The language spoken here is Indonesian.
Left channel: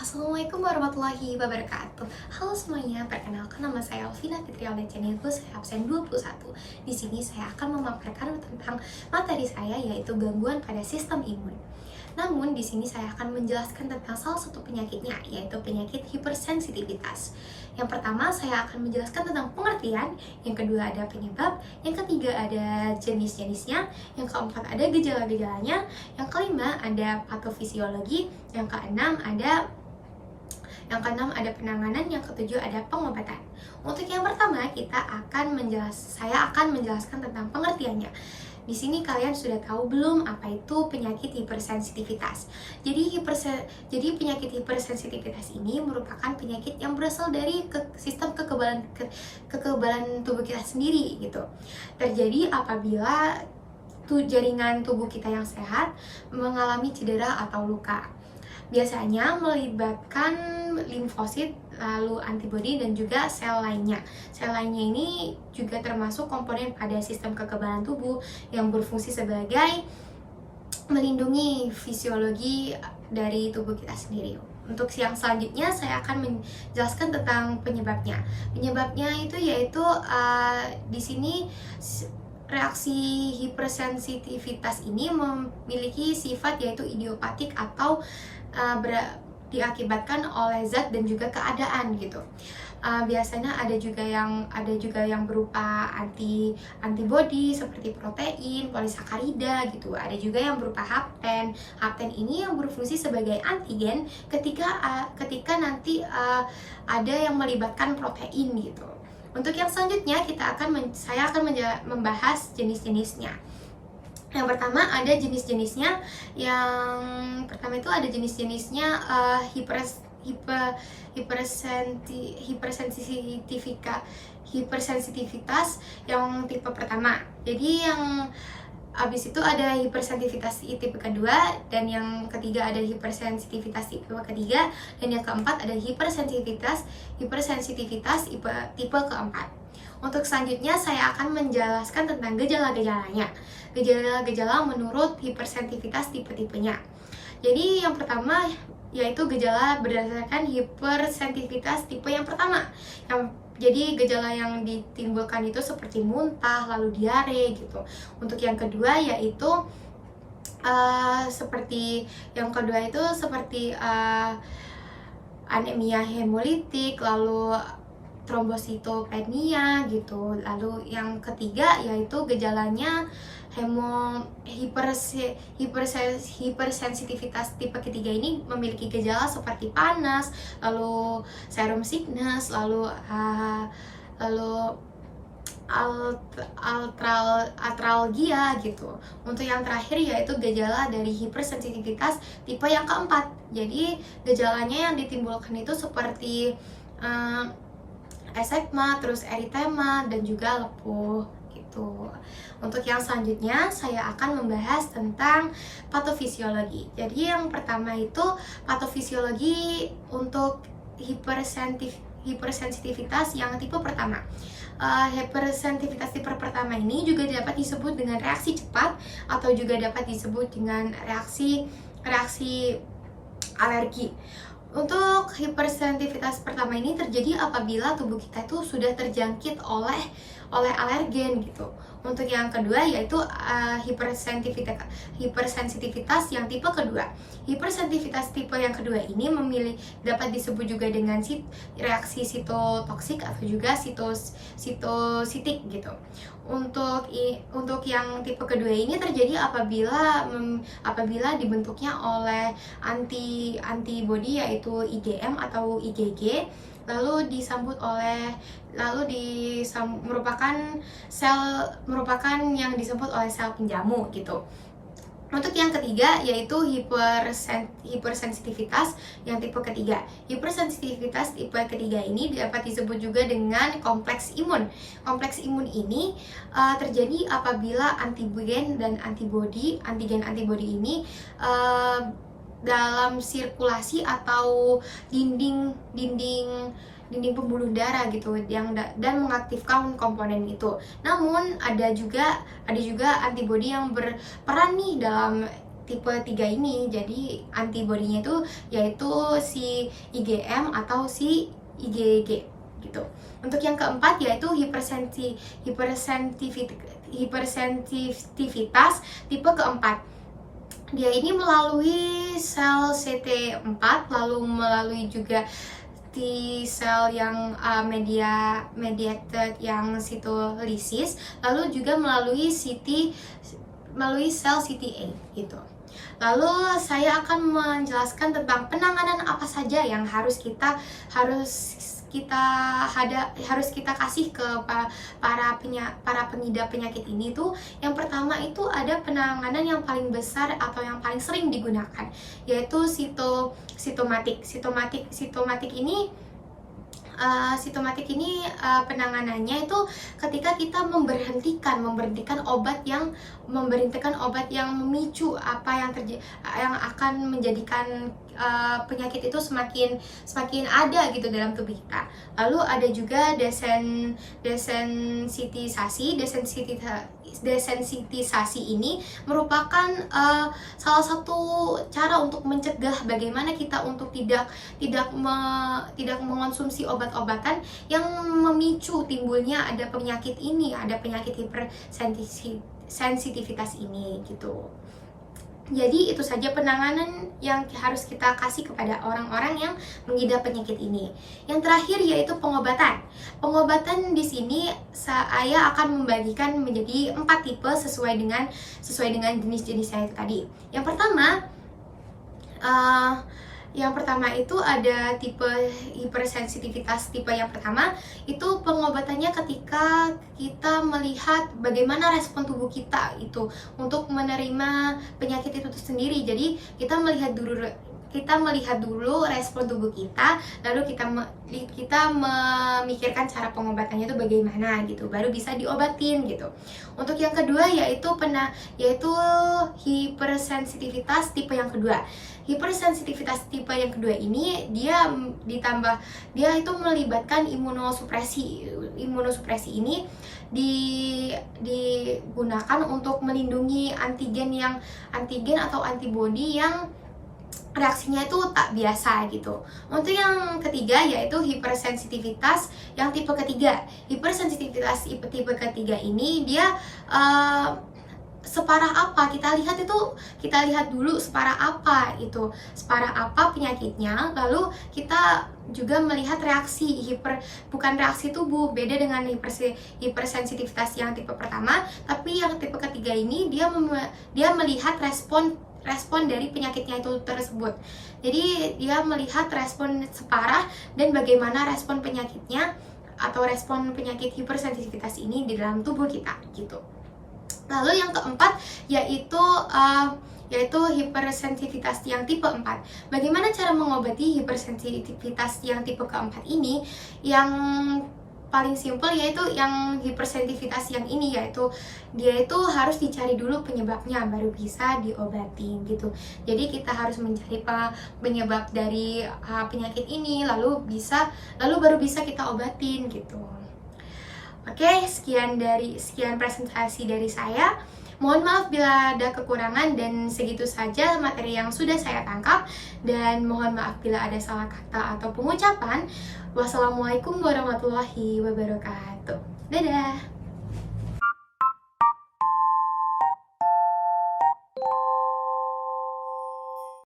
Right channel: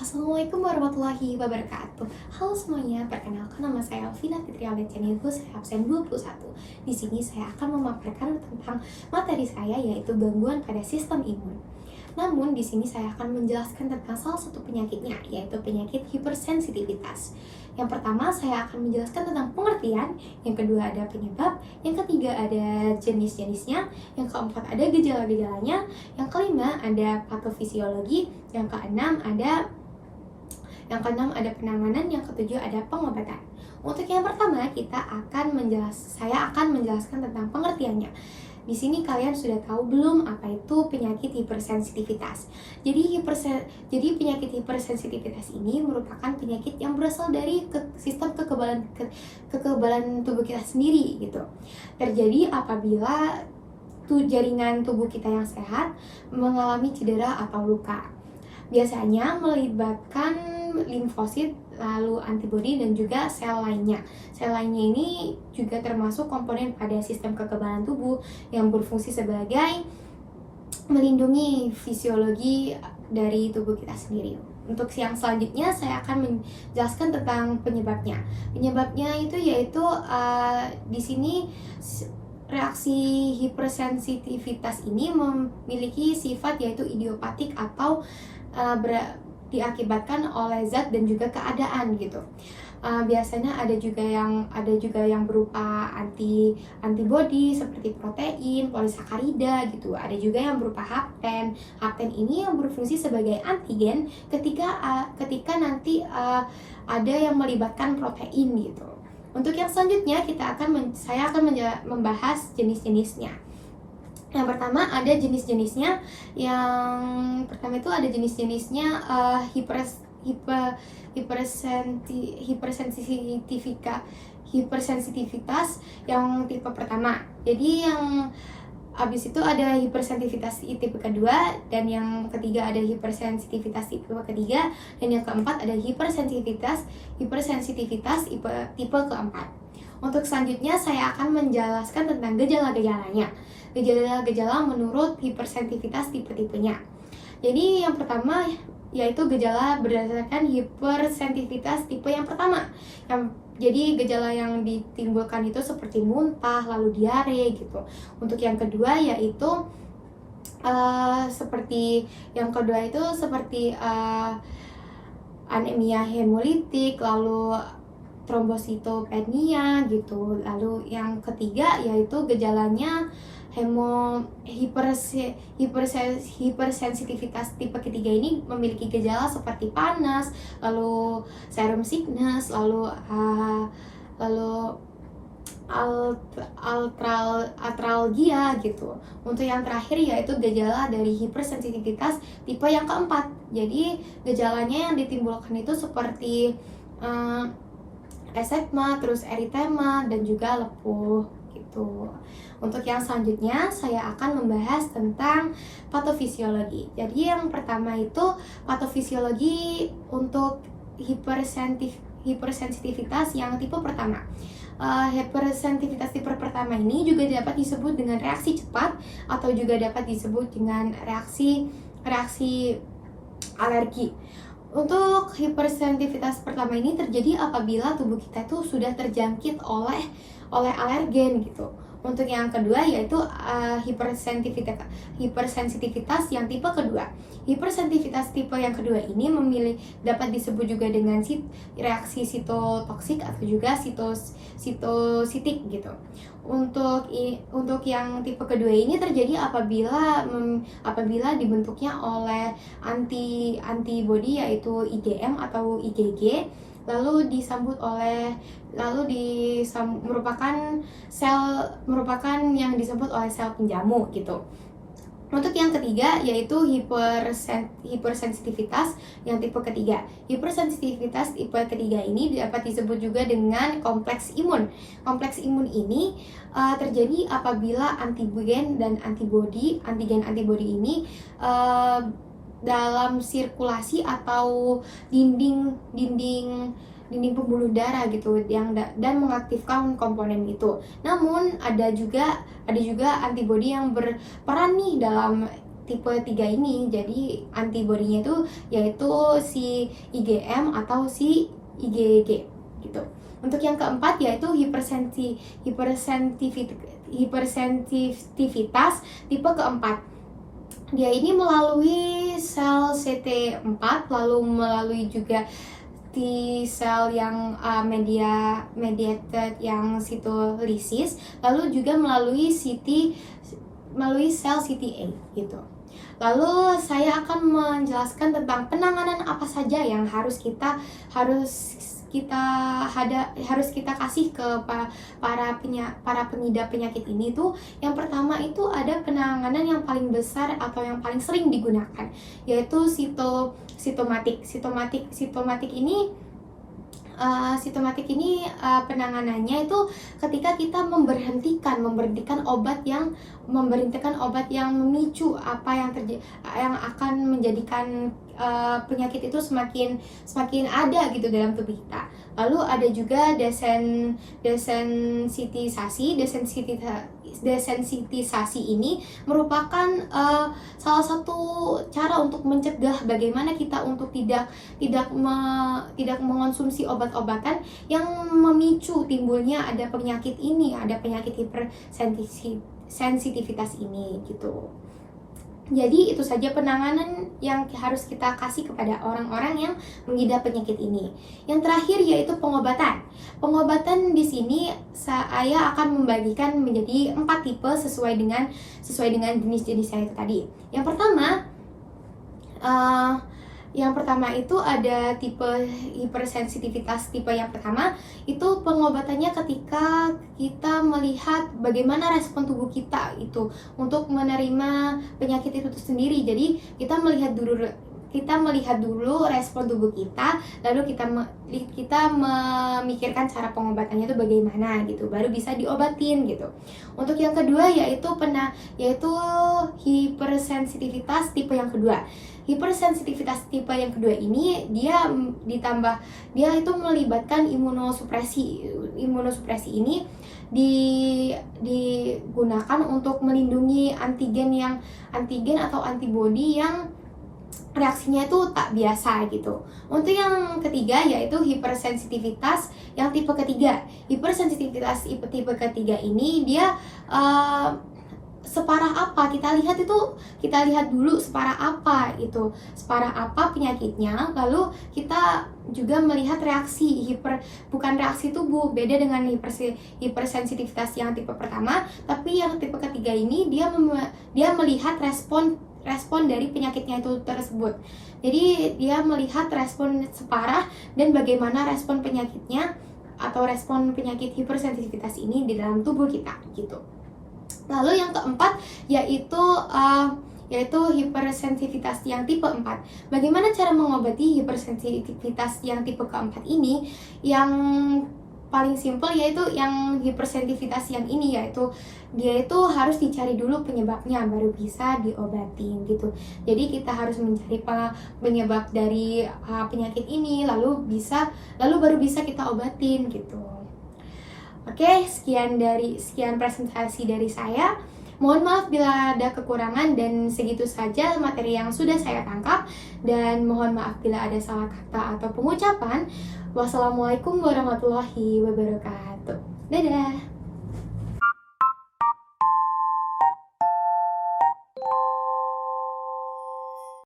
Assalamualaikum warahmatullahi wabarakatuh. Halo semuanya, perkenalkan nama saya Alvina Fitria Channelku, saya absen 21. Di sini saya akan memaparkan tentang materi saya, yaitu gangguan pada sistem imun. Namun di sini saya akan menjelaskan tentang salah satu penyakitnya, yaitu penyakit hipersensitivitas. Yang pertama saya akan menjelaskan tentang pengertian, yang kedua ada penyebab, yang ketiga ada jenis-jenisnya, yang keempat ada gejala-gejalanya, yang kelima ada patofisiologi, yang keenam ada penanganan, yang ketujuh ada pengobatan. Untuk yang pertama saya akan menjelaskan tentang pengertiannya. Di sini kalian sudah tahu belum apa itu penyakit hipersensitivitas? Jadi penyakit hipersensitivitas ini merupakan penyakit yang berasal dari sistem kekebalan tubuh kita sendiri gitu. Terjadi apabila jaringan tubuh kita yang sehat mengalami cedera atau luka. Biasanya melibatkan limfosit, lalu antibodi dan juga sel lainnya. Sel lainnya ini juga termasuk komponen pada sistem kekebalan tubuh yang berfungsi sebagai melindungi fisiologi dari tubuh kita sendiri. Untuk yang selanjutnya saya akan menjelaskan tentang penyebabnya. Penyebabnya itu yaitu di sini reaksi hipersensitivitas ini memiliki sifat yaitu idiopatik atau diakibatkan oleh zat dan juga keadaan gitu. Biasanya ada juga yang berupa antibodi seperti protein, polisakarida gitu. Ada juga yang berupa hapten. Hapten ini yang berfungsi sebagai antigen ketika nanti ada yang melibatkan protein gitu. Untuk yang selanjutnya saya akan membahas jenis-jenisnya. Yang pertama ada jenis-jenisnya. Yang pertama itu ada jenis-jenisnya hipersensitivitas yang tipe pertama. Jadi yang habis itu ada hipersensitivitas tipe kedua, dan yang ketiga ada hipersensitivitas tipe ketiga, dan yang keempat ada hipersensitivitas tipe keempat. Untuk selanjutnya saya akan menjelaskan tentang gejala-gejalanya. Gejala-gejala menurut hipersensitivitas tipe-tipenya. Jadi yang pertama yaitu gejala berdasarkan hipersensitivitas tipe yang pertama. Jadi gejala yang ditimbulkan itu seperti muntah, lalu diare gitu. Untuk yang kedua yaitu seperti anemia hemolitik, lalu trombositopenia gitu. Lalu yang ketiga yaitu gejalanya hipersensitivitas tipe ketiga ini memiliki gejala seperti panas, lalu serum sickness, lalu artralgia gitu. Untuk yang terakhir yaitu gejala dari hipersensitivitas tipe yang keempat. Jadi gejalanya yang ditimbulkan itu seperti ekzema, terus eritema, dan juga lepuh gitu. Untuk yang selanjutnya saya akan membahas tentang patofisiologi. Jadi yang pertama itu patofisiologi untuk hipersensitivitas yang tipe pertama. Hipersensitivitas tipe pertama ini juga dapat disebut dengan reaksi cepat atau juga dapat disebut dengan reaksi alergi. Untuk hipersensitivitas pertama ini terjadi apabila tubuh kita itu sudah terjangkit oleh alergen gitu. Untuk yang kedua yaitu hipersensitivitas yang tipe kedua. Hipersensitivitas tipe yang kedua ini dapat disebut juga dengan reaksi sitotoksik atau juga sitositik gitu. Untuk yang tipe kedua ini terjadi apabila dibentuknya oleh antibodi yaitu IgM atau IgG, merupakan yang disebut oleh sel penjamu gitu. Untuk yang ketiga yaitu hipersensitivitas yang tipe ketiga. Hipersensitivitas tipe ketiga ini dapat disebut juga dengan kompleks imun. Kompleks imun ini terjadi apabila antigen antibodi ini dalam sirkulasi atau dinding pembuluh darah gitu dan mengaktifkan komponen itu. Namun ada juga antibodi yang berperan nih dalam tipe 3 ini. Jadi antibodinya itu yaitu si IgM atau si IgG gitu. Untuk yang keempat yaitu hipersensitivitas tipe keempat. Dia ini melalui sel CT4, lalu melalui juga T sel yang mediated yang sitolisis, lalu juga melalui sel CTA gitu. Lalu saya akan menjelaskan tentang penanganan apa saja yang harus kita kasih ke para pengidap penyakit ini tuh. Yang pertama itu ada penanganan yang paling besar atau yang paling sering digunakan, yaitu sitomatik ini penanganannya itu ketika kita memberhentikan obat yang memicu yang akan menjadikan penyakit itu semakin ada gitu dalam tubuh kita. Lalu ada juga desensitisasi ini merupakan salah satu cara untuk mencegah bagaimana kita untuk tidak mengonsumsi obat-obatan yang memicu timbulnya ada penyakit hipersensitivitas ini gitu. Jadi itu saja penanganan yang harus kita kasih kepada orang-orang yang mengidap penyakit ini. Yang terakhir yaitu pengobatan. Pengobatan di sini saya akan membagikan menjadi 4 tipe sesuai dengan jenis-jenis saya itu tadi. Yang pertama itu ada tipe hipersensitivitas. Tipe yang pertama itu pengobatannya ketika kita melihat bagaimana respon tubuh kita itu untuk menerima penyakit itu sendiri. Jadi kita melihat dulu respon tubuh kita, lalu kita memikirkan cara pengobatannya itu bagaimana gitu, baru bisa diobatin gitu. Untuk yang kedua yaitu hipersensitivitas tipe yang kedua. Hipersensitivitas tipe yang kedua ini dia itu melibatkan imunosupresi. Imunosupresi ini digunakan untuk melindungi antigen atau antibodi yang reaksinya itu tak biasa gitu. Untuk yang ketiga yaitu hipersensitivitas yang tipe ketiga. Hipersensitivitas tipe ketiga ini dia separah apa? Kita lihat dulu separah apa penyakitnya, lalu kita juga melihat bukan reaksi tubuh, beda dengan hipersensitivitas yang tipe pertama. Tapi yang tipe ketiga ini dia melihat respon dari penyakitnya itu tersebut. Jadi dia melihat respon separah dan bagaimana respon penyakitnya atau respon penyakit hipersensitivitas ini di dalam tubuh kita gitu. Lalu yang keempat yaitu hipersensitivitas yang tipe 4. Bagaimana cara mengobati hipersensitivitas yang tipe keempat ini? Yang paling simpel yaitu yang hipersensitivitas yang ini, yaitu dia itu harus dicari dulu penyebabnya baru bisa diobatin gitu. Jadi kita harus mencari penyebab dari penyakit ini lalu baru bisa kita obatin gitu. Oke, sekian presentasi dari saya. Mohon maaf bila ada kekurangan, dan segitu saja materi yang sudah saya tangkap, dan mohon maaf bila ada salah kata atau pengucapan. Wassalamualaikum warahmatullahi wabarakatuh. Dadah.